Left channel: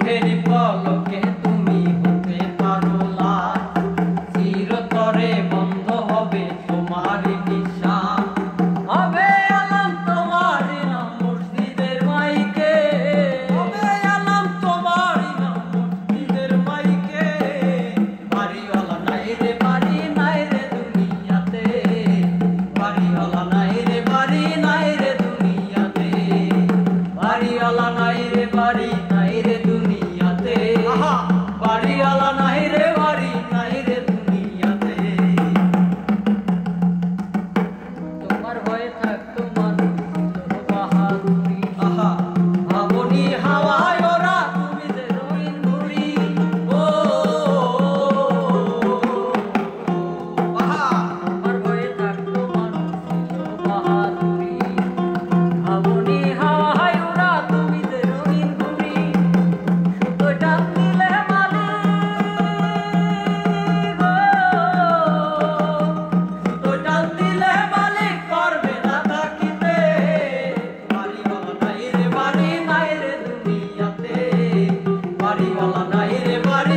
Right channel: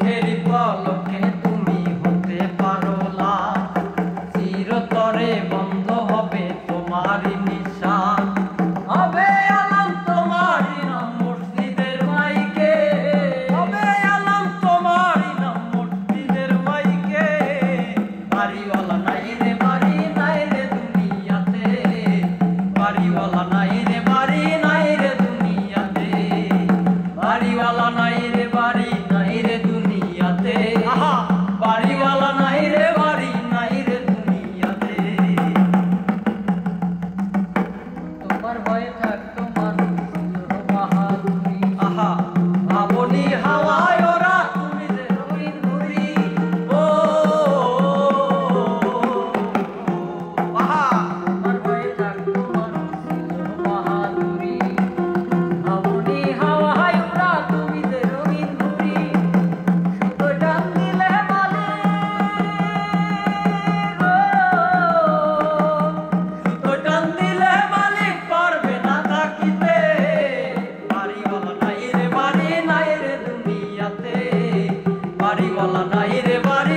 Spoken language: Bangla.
চোখেরই পলকে তুমি হতে পারো লাশ, চিরতরে বন্ধ হবে তোমারই নিঃশ্বাস। হবে আলাম তোমারই নাম মসজিদের মাইকে, হবে আলাম তোমারই নাম মসজিদের মাইকে। বাড়িওয়ালা নাই রে বাড়ি নাই রে দুনিয়াতে, বাড়িওয়ালা নাই রে বাড়ি নাই রে দুনিয়াতে, বাড়িওয়ালা নাই রে বাড়ি নাই রে দুনিয়াতে, বাড়িওয়ালা নাই রে বাড়ি নাই রে দুনিয়াতে। তোমার ভয়ে থাকতো মানুষ ছিল বাহাদুরি, ভাবনি হাওয়ায় ওরা তুমি যে রঙিন ঘুরি। ও তোমার ভয়ে থাকতো মানুষ ছিল বাহাদুরি, ভাবনি হাওয়ায় ওরা তুমি যে রঙিন ঘুরি। সুতো টান দিলে মালিক, সুতো টান দিলে মালিক পারবে না থাকিতে। বাড়িওয়ালা নাই রে বাড়ি নাই রে দুনিয়াতে, বাড়িওয়ালা নাই রে বাড়ি